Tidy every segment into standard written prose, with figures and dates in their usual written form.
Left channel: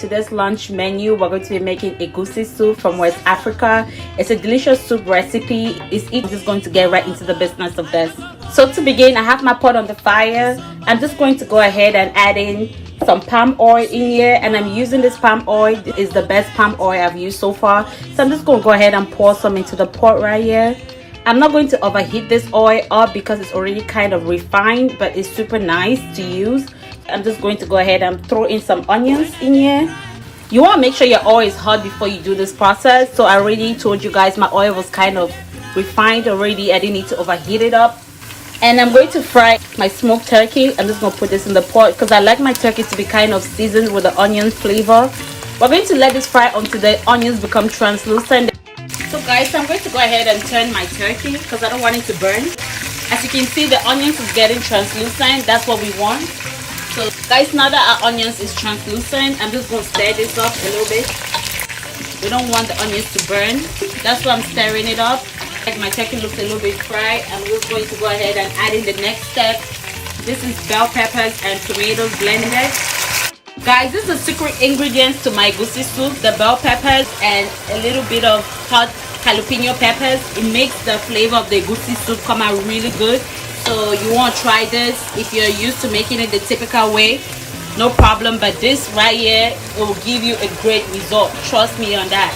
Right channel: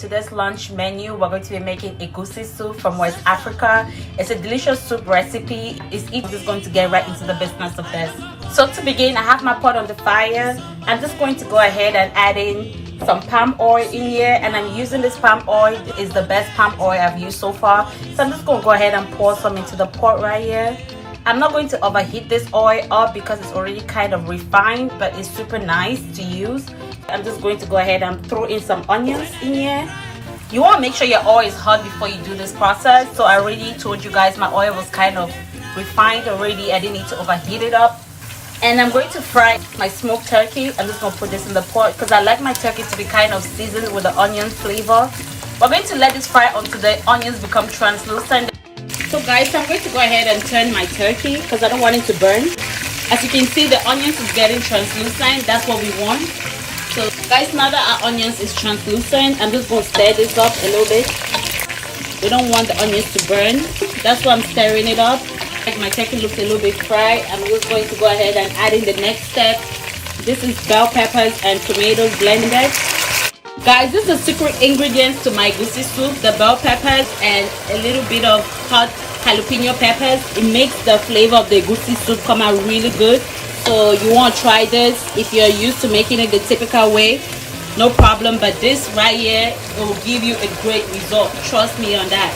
Today's lunch menu, we're going to be making Egusi soup from West Africa. It's a delicious soup recipe. It's just going to get right into the business of this. So to begin, I have my pot on the fire. I'm just going to go ahead and add in some palm oil in here, and I'm using this palm oil. It is the best palm oil I've used so far. So I'm just going to go ahead and pour some into the pot right here. I'm not going to overheat this oil up because it's already kind of refined, but it's super nice to use. I'm just going to go ahead and throw in some onions in here. You want to make sure your oil is hot before you do this process. So I already told you guys my oil was kind of refined already. I didn't need to overheat it up. And I'm going to fry my smoked turkey. I'm just going to put this in the pot because I like my turkey to be kind of seasoned with the onion flavor. We're going to let this fry until the onions become translucent. So guys, I'm going to go ahead and turn my turkey because I don't want it to burn. As you can see, the onions is getting translucent. That's what we want. So guys, now that our onions is translucent, I'm just going to stir this up a little bit. We don't want the onions to burn. That's why I'm stirring it up. Like my turkey looks a little bit fried, I'm just going to go ahead and add in the next step. This is bell peppers and tomatoes blended. Guys, this is a secret ingredient to my Egusi soup. The bell peppers and a little bit of hot jalapeno peppers. It makes the flavor of the Egusi soup come out really good. So you want to try this. If you're used to making it the typical way, no problem, but this right here, it will give you a great result. Trust me on that.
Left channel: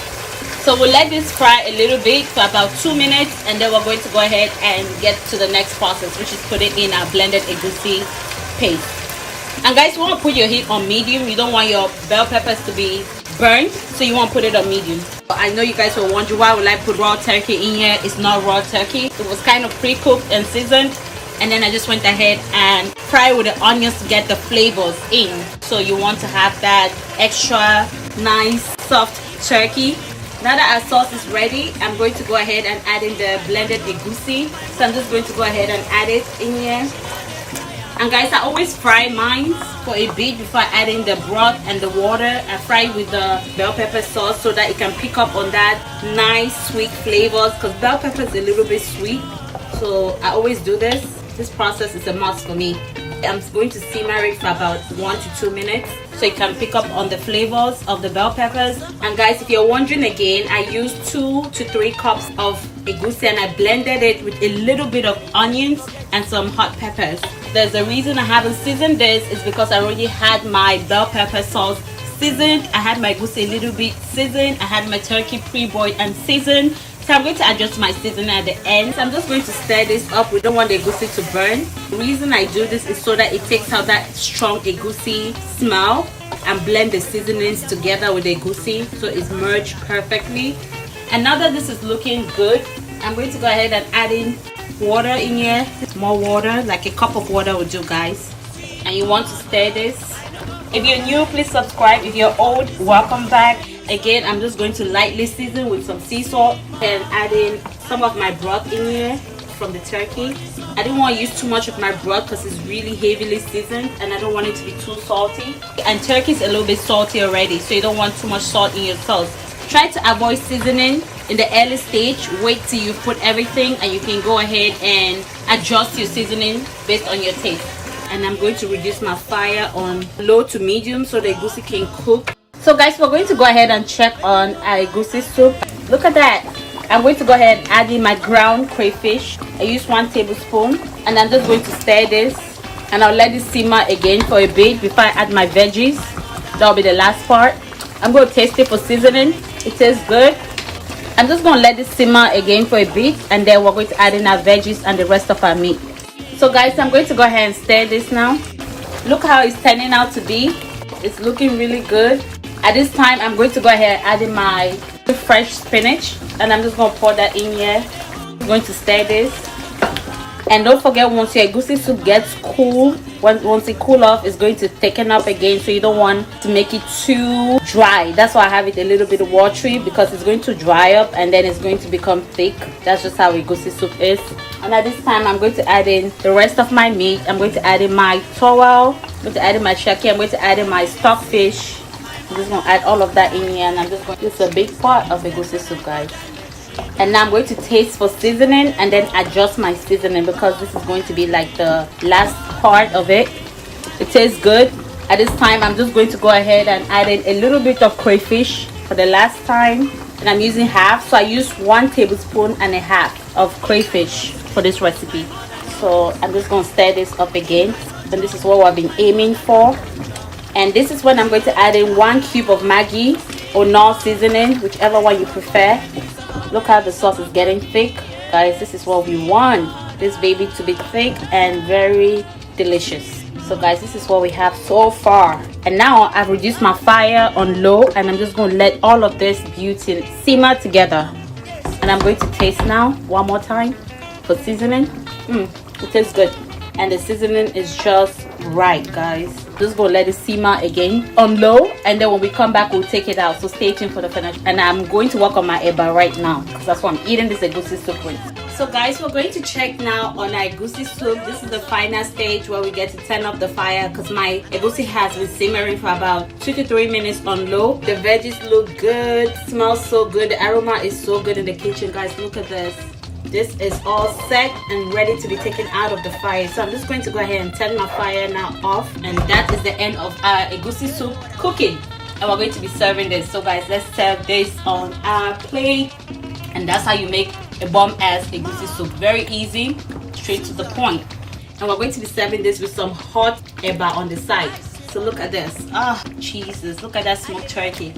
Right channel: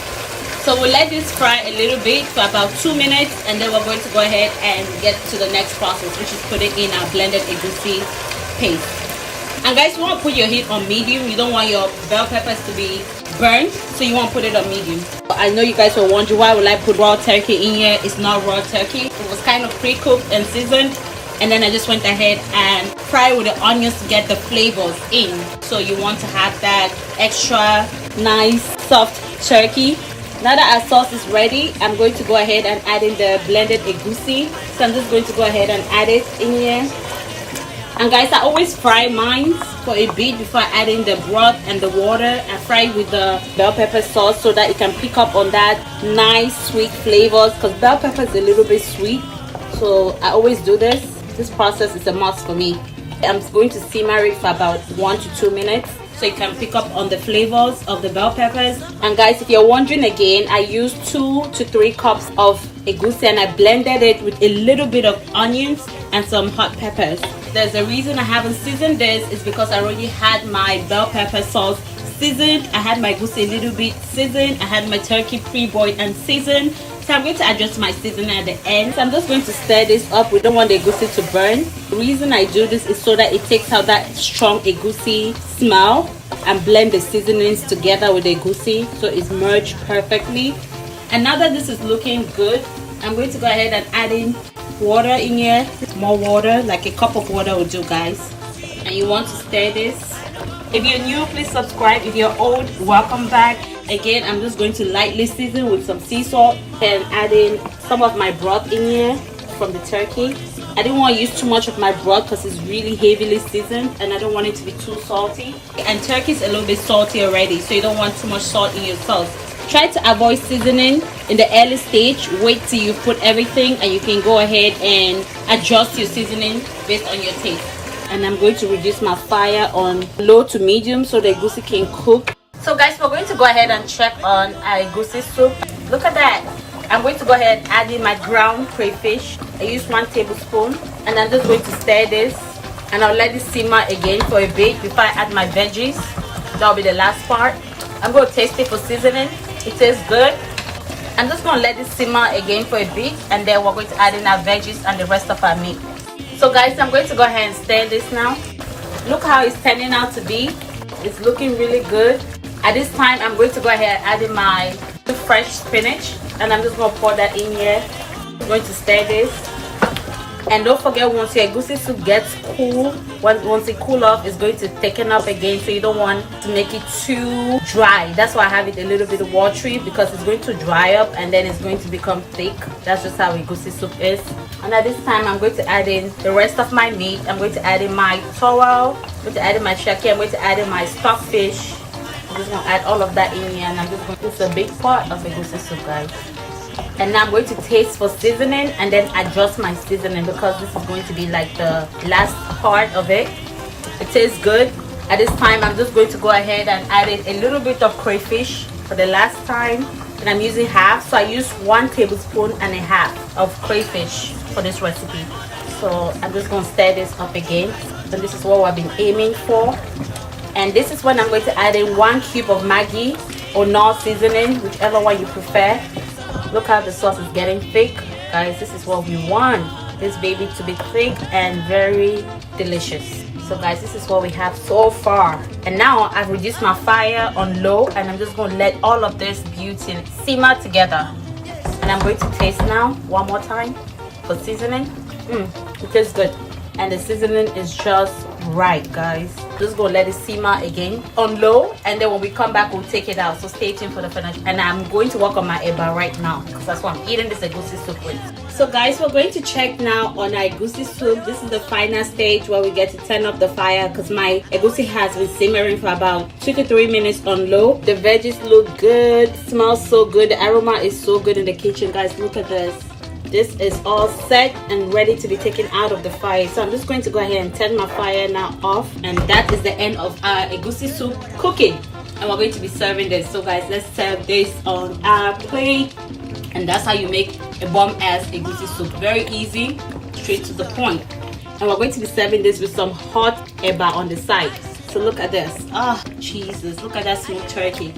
So we'll let this fry a little bit for about 2 minutes, and then we're going to go ahead and get to the next process, which is putting in our blended Egusi paste. And guys, you want to put your heat on medium. You don't want your bell peppers to be burnt, so you want to put it on medium. I know you guys were wondering why would I put raw turkey in here. It's not raw turkey. It was kind of pre-cooked and seasoned, and then I just went ahead and fried with the onions to get the flavors in. So you want to have that extra nice soft turkey. Now that our sauce is ready, I'm going to go ahead and add in the blended Egusi. So I'm just going to go ahead and add it in here. And guys, I always fry mine for a bit before I add in the broth and the water. I fry it with the bell pepper sauce so that it can pick up on that nice sweet flavors, because bell pepper is a little bit sweet. So I always do this. This process is a must for me. I'm going to simmer it for about 1 to 2 minutes so you can pick up on the flavors of the bell peppers. And guys, if you're wondering again, I used 2 to 3 cups of Egusi and I blended it with a little bit of onions and some hot peppers. There's a reason I haven't seasoned this, is because I already had my bell pepper sauce seasoned. I had my Egusi a little bit seasoned. I had my turkey pre-boiled and seasoned. So I'm going to adjust my seasoning at the end. So I'm just going to stir this up. We don't want the Egusi to burn. The reason I do this is so that it takes out that strong Egusi smell and blend the seasonings together with the Egusi so it's merged perfectly. And now that this is looking good, I'm going to go ahead and add in water in here. More water, like a cup of water will do, guys. And you want to stir this. If you're new, please subscribe. If you're old, welcome back. Again, I'm just going to lightly season with some sea salt and add in some of my broth in here from the turkey. I didn't want to use too much of my broth because it's really heavily seasoned and I don't want it to be too salty. And turkey is a little bit salty already, so you don't want too much salt in your sauce. Try to avoid seasoning in the early stage. Wait till you put everything and you can go ahead and adjust your seasoning based on your taste. And I'm going to reduce my fire on low to medium so the Egusi can cook. So guys, we're going to go ahead and check on our Egusi soup. Look at that. I'm going to go ahead and add in my ground crayfish. I use 1 tablespoon, and I'm just going to stir this, and I'll let it simmer again for a bit before I add my veggies. That'll be the last part. I'm going to taste it for seasoning. It tastes good. I'm just going to let it simmer again for a bit, and then we're going to add in our veggies and the rest of our meat. So guys, I'm going to go ahead and stir this now. Look how it's turning out to be. It's looking really good. At this time, I'm going to go ahead and add in my fresh spinach, and I'm just going to pour that in here. I'm going to stir this. And don't forget, once your Egusi soup gets cool, once it cool off, it's going to thicken up again, so you don't want to make it too dry. That's why I have it a little bit watery, because it's going to dry up and then it's going to become thick. That's just how Egusi soup is. And at this time, I'm going to add in the rest of my meat. I'm going to add in my towel, I'm going to add in my turkey, I'm going to add in my stockfish. I'm just going to add all of that in here, and I'm just going to use a big pot of Egusi soup, guys. And now I'm going to taste for seasoning and then adjust my seasoning, because this is going to be like the last part of it. It tastes good. At this time, I'm just going to go ahead and add in a little bit of crayfish for the last time. And I'm using half, so I used 1 tablespoon and a half of crayfish for this recipe. So I'm just going to stir this up again. And this is what I've been aiming for. And this is when I'm going to add in 1 cube of Maggie or non-seasoning, whichever one you prefer. Look how the sauce is getting thick. Guys, this is what we want. This baby to be thick and very delicious. So guys, this is what we have so far. And now I've reduced my fire on low, and I'm just going to let all of this beauty simmer together. And I'm going to taste now one more time for seasoning. It tastes good, and the seasoning is just right, guys. Just go let it simmer again on low, and then when we come back, we'll take it out. So stay tuned for the finish. And I'm going to work on my eba right now, because that's what I'm eating this egusi soup with. So guys, we're going to check now on our egusi soup. This is the final stage where we get to turn up the fire, because my egusi has been simmering for about 2 to 3 minutes on low. The veggies look good, smells so good, the aroma is so good in the kitchen. Guys, look at this. This is all set and ready to be taken out of the fire. So I'm just going to go ahead and turn my fire now off. And that is the end of our egusi soup cooking. And we're going to be serving this. So guys, let's serve this on our plate. And that's how you make a bomb-ass egusi soup. Very easy, straight to the point. And we're going to be serving this with some hot eba on the side. So look at this. Oh, Jesus, look at that smoked turkey.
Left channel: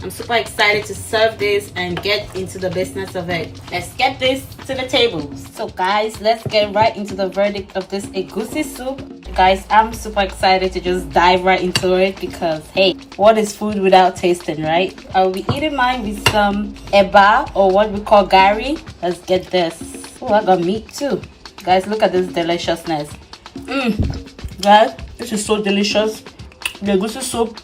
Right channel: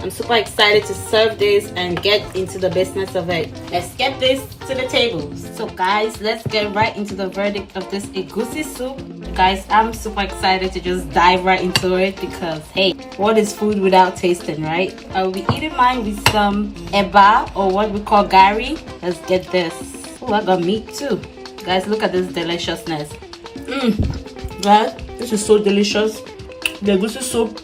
I'm super excited to serve this and get into the business of it. Let's get this to the table. So guys, let's get right into the verdict of this egusi soup. Guys, I'm super excited to just dive right into it, because hey, what is food without tasting, right? I'll be eating mine with some eba, or what we call garri. Let's get this. Oh, I got meat too. Guys, look at this deliciousness. Guys, this is so delicious. The egusi soup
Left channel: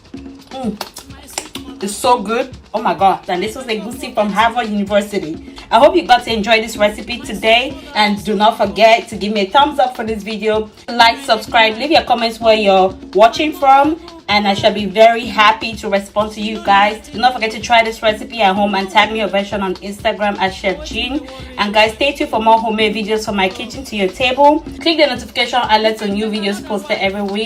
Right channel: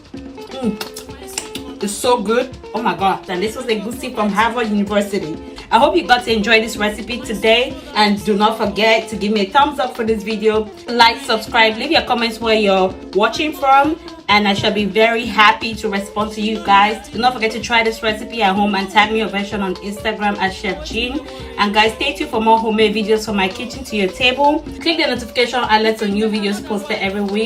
is so good. Oh my god. And this was egusi from Harvard University. I hope you got to enjoy this recipe today, and do not forget to give me a thumbs up for this video, like, subscribe, leave your comments where you're watching from, and I shall be very happy to respond to you guys. Do not forget to try this recipe at home and tag me your version on Instagram at Chef Jean. And guys, stay tuned for more homemade videos from my kitchen to your table. Click the notification alert on new videos posted every week.